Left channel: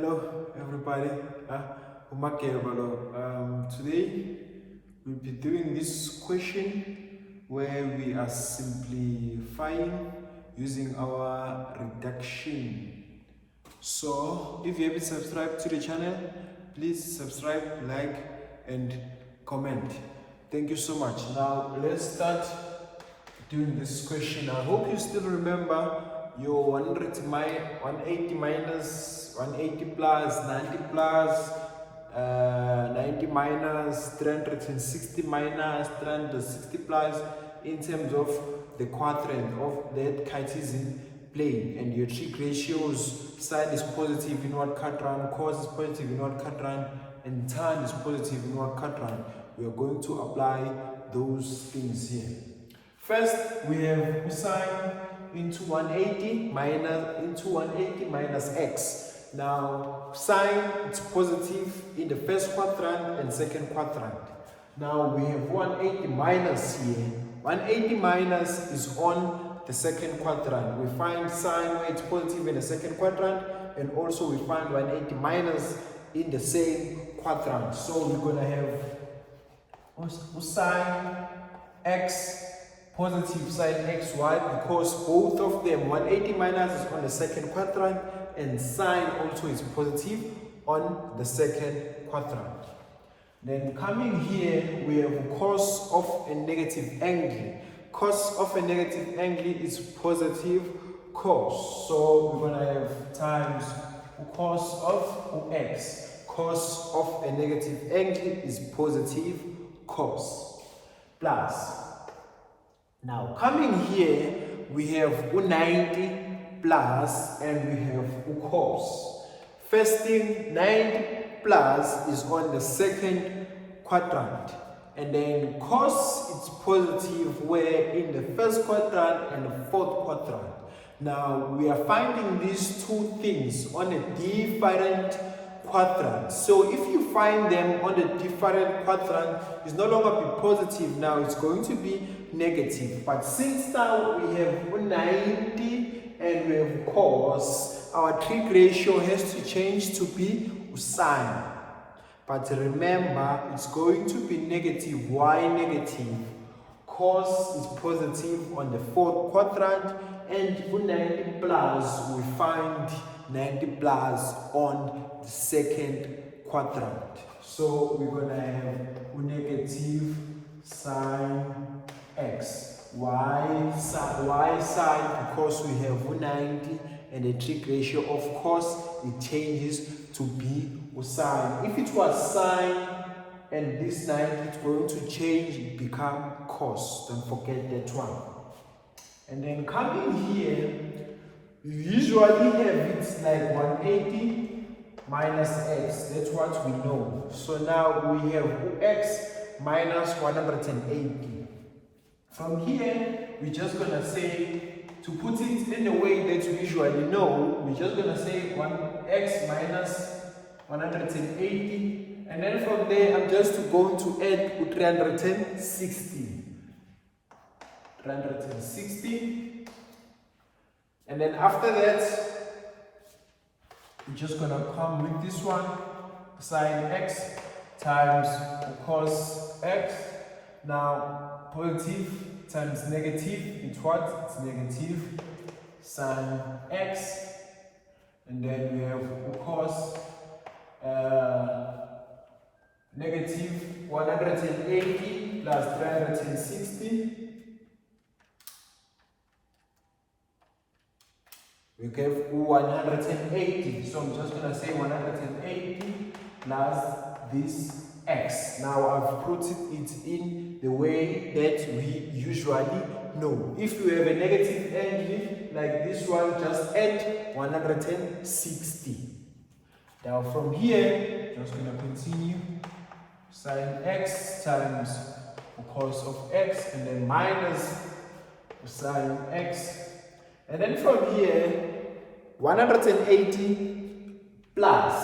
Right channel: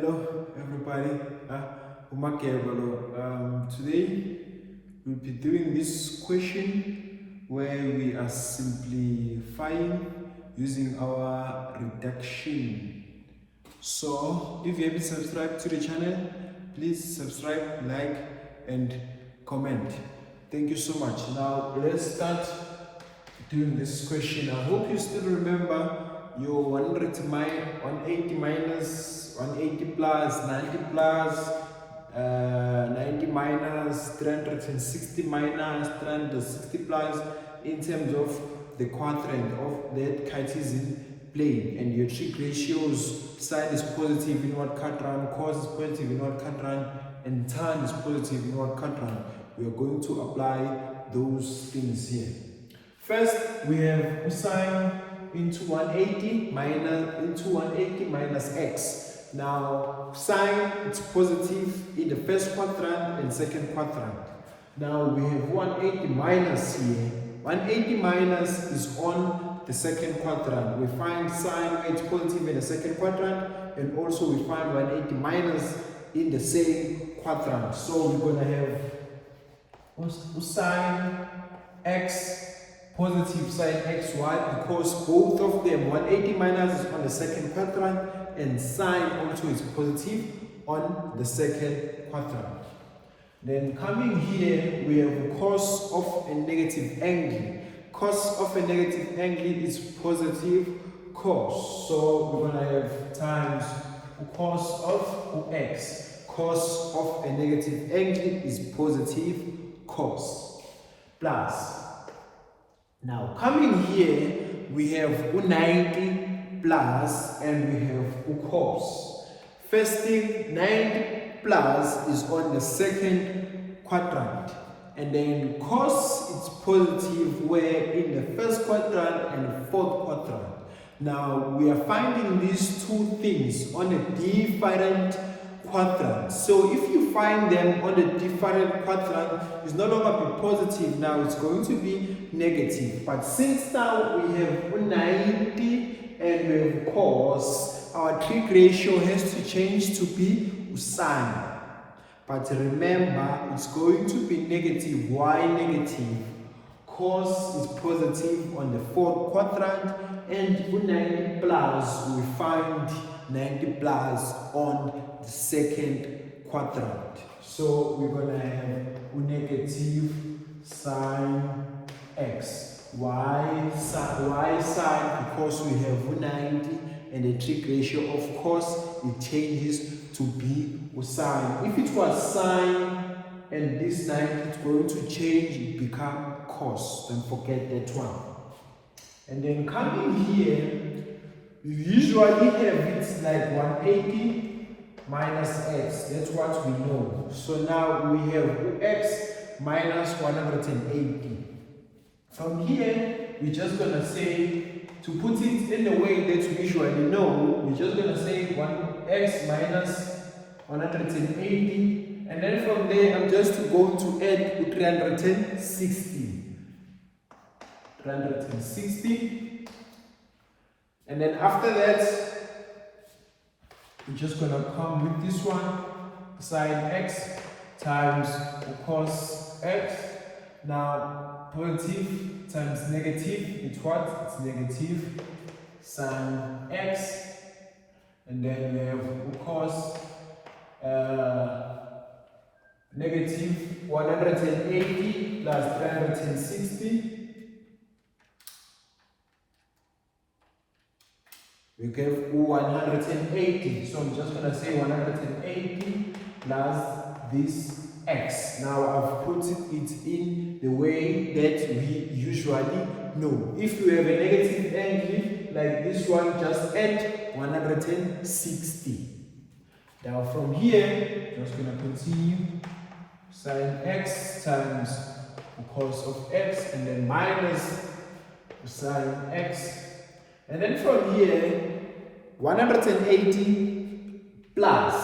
Hello, everybody. Today we'll be doing this question where we are simplifying using our reduction. So, if you haven't subscribed to the channel, please subscribe, like, and comment. Thank you so much. Now, let's start doing this question. I hope you still remember your 180 minus 180 plus 90 plus 90 minus 360 minus 360 plus in terms of the quadrant of that Cartesian plane, and your trig ratios: sine is positive in what quadrant, cos is positive in what quadrant, and tan is positive in what quadrant. We are going to apply those things here. First, we have sine into 180 minus x. Now, sine is positive in the first quadrant and second quadrant. Now, we have 180 minus here. 180 minus is on the second quadrant. We find sine where it's positive in the second quadrant, and also we find 180 minus in the same quadrant. So, we're going to have sine x positive sine xy, because both of them, 180 minus is on the second quadrant and sine also is positive on the second quadrant. Then coming here, we have cos of a negative angle. Cos of a negative angle is positive cos. So we're going to have times cos of x. Cos of a negative angle is positive cos. Plus, now coming here, we have 90 plus and we have cos. First thing, 90 plus is on the second quadrant, and then cos is positive where in the first quadrant and the fourth quadrant. Now we are finding these two things on a different quadrant. So if you find them on a different quadrant, it's no longer be positive, now it's going to be negative. But since now we have 90 and we have cos, our trig ratio has to change to be sine. But remember, it's going to be negative. Why negative? Cos is positive on the fourth quadrant, and 90 plus, we find 90 plus on the second quadrant. So we're going to have negative sine x. Why sine? Because we have 90 and the trig ratio, of course, it changes to be sine. If it was sine and this 90, it's going to change, it become cos. Don't forget that one. And then coming here, we usually have it like 180 minus x. That's what we know. So now we have x minus 180. From here, we're just going to say, to put it in the way that we usually know, we're just going to say 1x minus 180. And then from there, I'm just going to add 360. 360. And then after that, we're just going to come with this one, sine x times cos x. Now, positive times negative, it's what? It's negative sine x. And then we have cos negative 180 plus 360. We have 180. So I'm just going to say 180 plus this x. Now I've put it in the way that we usually know. If you have a negative angle like this one, just add 160. Now from here, just going to continue sine x times cos of x, and then minus sine x. And then from here, 180 plus,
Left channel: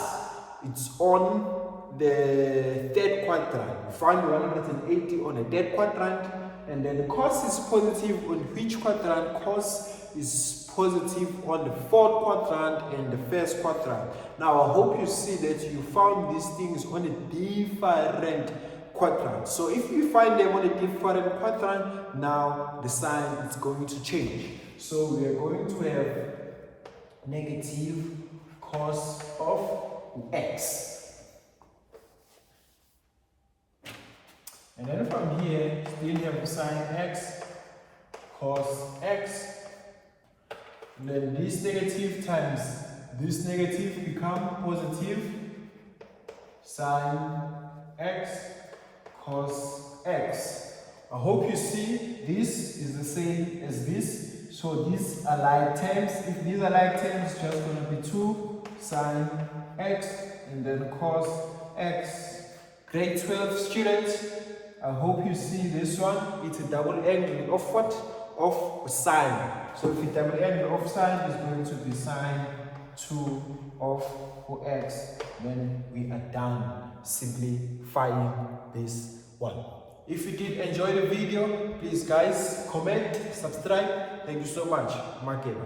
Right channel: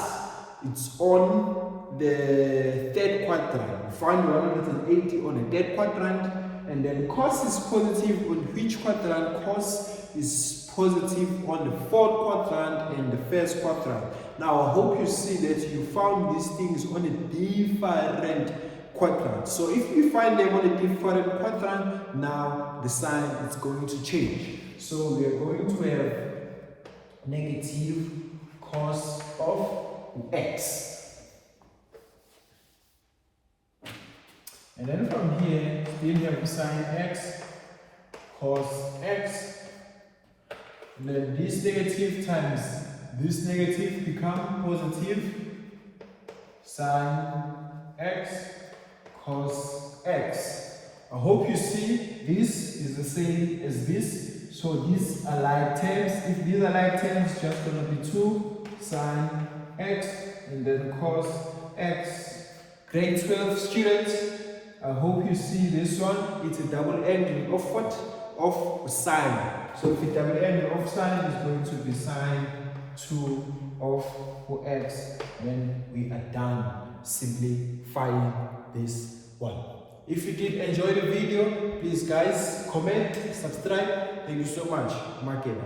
it's on the third quadrant. Find 180 on the third quadrant, and then cos is positive on which quadrant? Cos is positive on the fourth quadrant and the first quadrant. Now I hope you see that you found these things on a different quadrant. So if you find them on a different quadrant, now the sign is going to change. So we are going to have negative cos of x. And then from here, still have sine x, cos x. And then this negative times this negative become positive, sine x, cos x. I hope you see this is the same as this. So these are like terms. If these are like terms, just going to be 2 sine x and then cos x. Grade 12 students, I hope you see this one. It's a double angle of what? Of sine. So if a double angle of sine is going to be sine 2 of x, then we are done simplifying this one. If you did enjoy the video, please guys comment, subscribe. Thank you so much. Mark it.